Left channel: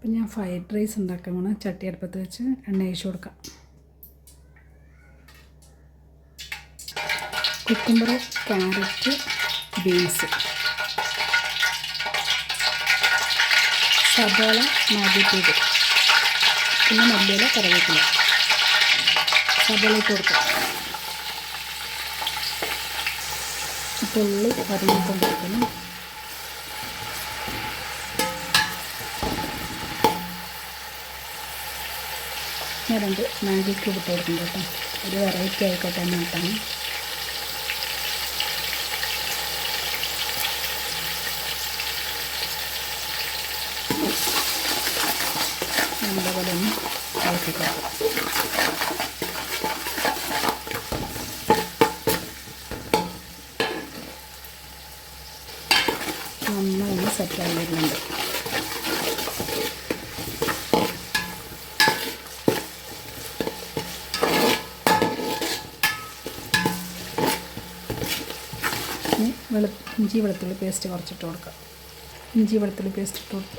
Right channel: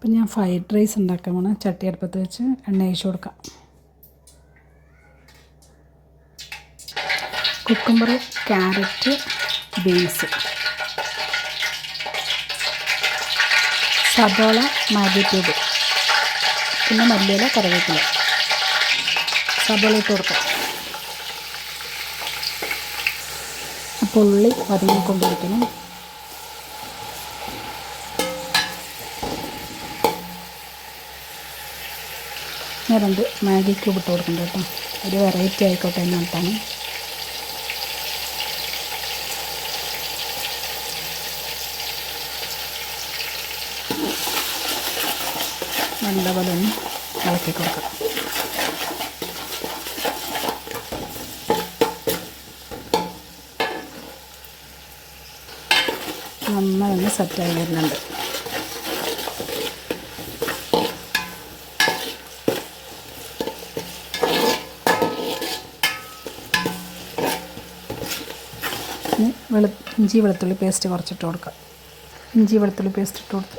അപ്പം ഞാൻ fried rice ഉണ്ടാക്കാൻ പോണ ചട്ടി അടുപ്പത്ത് വെച്ച് എണ്ണ ഒഴിച്ച് കൊടുക്കാം. കുക്കുംബർ, ക്യാരറ്റ്, ബീൻസ്, സവാള, മാഗി ക്യൂബ്, പിന്നെ മല്ലിയില, കറിവേപ്പില. സവാള ഇട്ട് കൊടുക്കാം. അപ്പോൾ ഉള്ളി വരഞ്ഞുകൊണ്ടിരിക്കണം. ഞാൻ 2 മാഗി ക്യൂബ് ഇട്ട് കൊടുക്കുന്നുണ്ട് കേട്ടോ. ഒരു വെറൈറ്റി ആയിക്കോട്ടെ എന്നിട്ടാണ്. നല്ലപോലെ ഒന്ന് ഇളക്കി കൊടുക്കാം. നന്നായി ഒന്ന് സെറ്റായി വരുന്നുണ്ട്. ഇഞ്ചി വെളുത്തുള്ളി പേസ്റ്റ് കുറച്ചിട്ട് കൊടുക്കാം. ഇഞ്ചി വെളുത്തുള്ളി പേസ്റ്റ് ഇട്ട് കൊടുത്ത്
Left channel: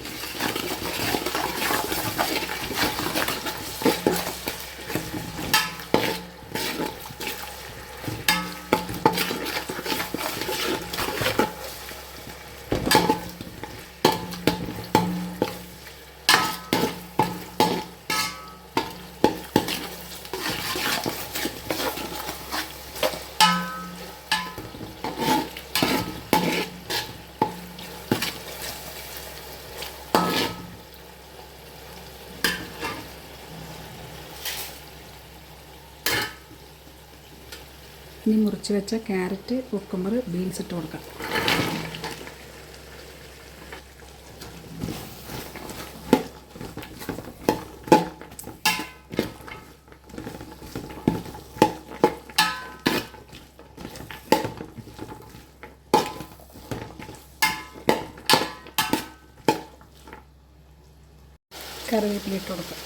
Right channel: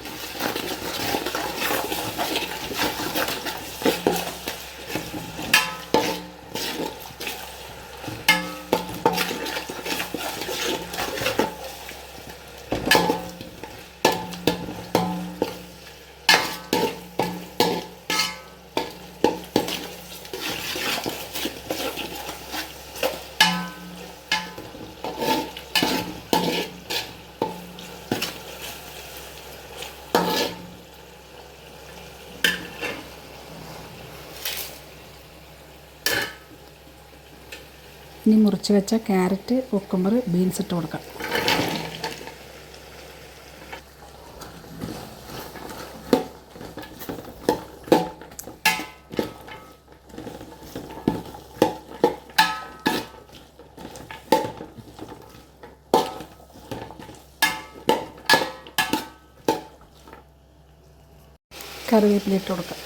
ഇനി മുറിച്ച് വെച്ച ക്യാരറ്റ്, കുക്കുംബർ, ബീൻസ് ഇട്ട് കൊടുക്കാം. കറിവേപ്പില ഇട്ട് കൊടുക്കാം.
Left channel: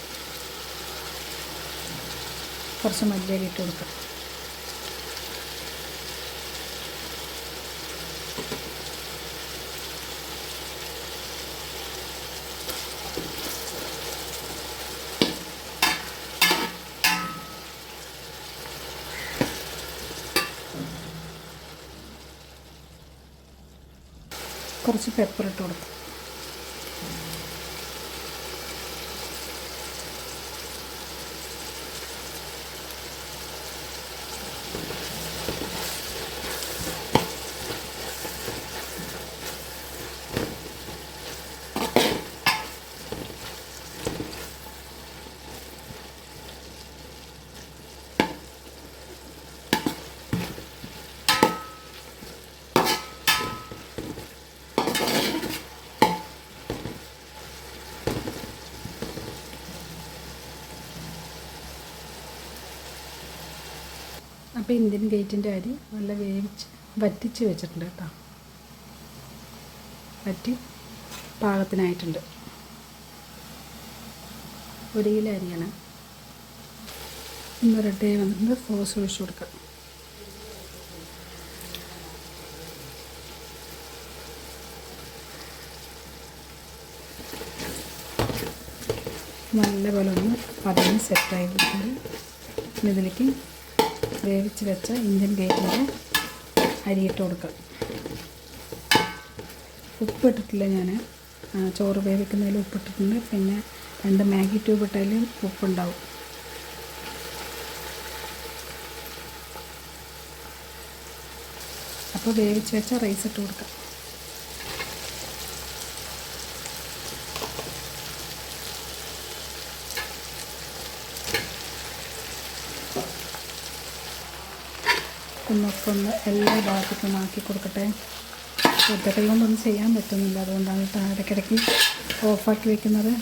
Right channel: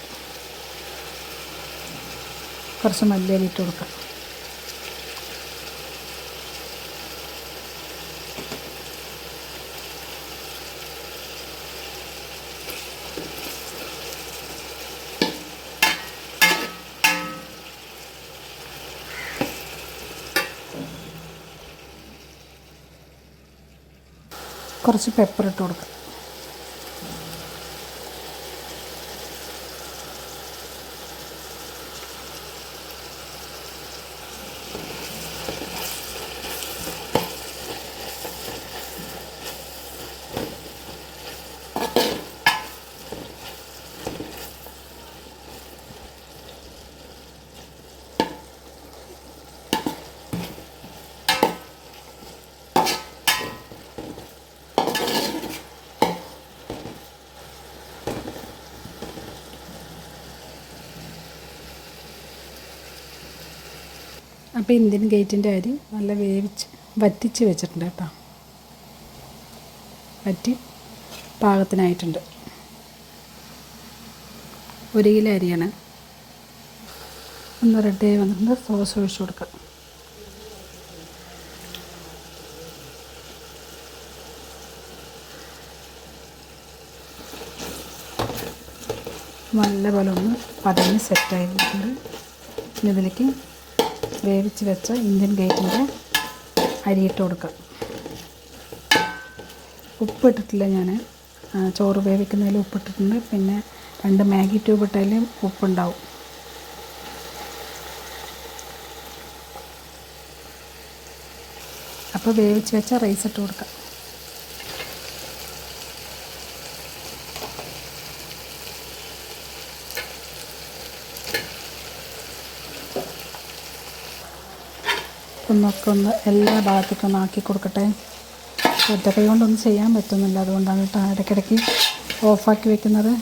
കുറച്ച് മല്ലിയില ഇട്ട് കൊടുക്കാം. കുറച്ച് പെപ്പർ ഇട്ട് കൊടുക്കാം. അപ്പോൾ ഇന്ത്യൻ ഗേറ്റിൻ്റെ അരി നല്ല വറ്റിച്ച് വെച്ചിട്ടുണ്ട് കേട്ടോ. വറ്റി പാകത്തിനായിട്ടുണ്ട്. 1 കിലോ അരിയാണ്. ഒന്ന് റെഡിയായി വന്നിട്ടുണ്ട്. സോസ് ഒഴിച്ച് കൊടുക്കാം. നല്ലപോലെ ഒന്ന് പതഞ്ഞ് സെറ്റായി വന്നിട്ടുണ്ട്. ഇനി ഇതിലേക്ക് വേവിച്ച് വെച്ച ഇന്ത്യൻ ഗേറ്റിൻ്റെ അരിയിട്ട് കൊടുക്കുക. ഉപ്പിട്ടിട്ടില്ല ഞാൻ. ചോറ് വേവിക്കുന്നതിൽ ഉപ്പിട്ടിട്ടുണ്ട്. പിന്നെ 2 മാഗി ക്യൂബ് ഇട്ടാലും ഉപ്പുണ്ടാവും. അപ്പോൾ വേവിച്ച് വെച്ച റൈസ് ഇട്ട് കൊടുക്കാം. ഒന്ന് എല്ലാ ഭാഗത്തേക്കും ആക്കി കൊടുക്കട്ടെ. ഒറ്റ കൈ കൊണ്ടൊന്നും ചെയ്യാൻ പറ്റുന്നില്ല. അതുകൊണ്ടാണ് കേട്ടോ ഇടയ്ക്കിടയ്ക്ക് ഓഫാക്കി വെക്കുന്നത്.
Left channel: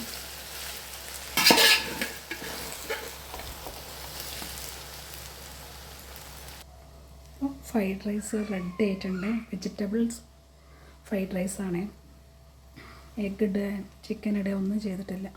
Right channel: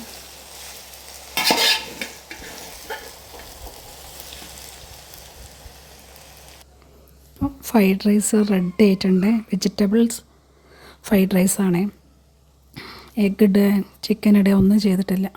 ഫ്രൈഡ് റൈസ് റെഡി ആയിട്ടുണ്ട്. വെജിറ്റബിൾസ് ഫ്രൈഡ് റൈസാണ്. എഗ്ഗ് ഇടുക, ചിക്കൻ ഇടുക ഒന്നും ചെയ്തിട്ടില്ല.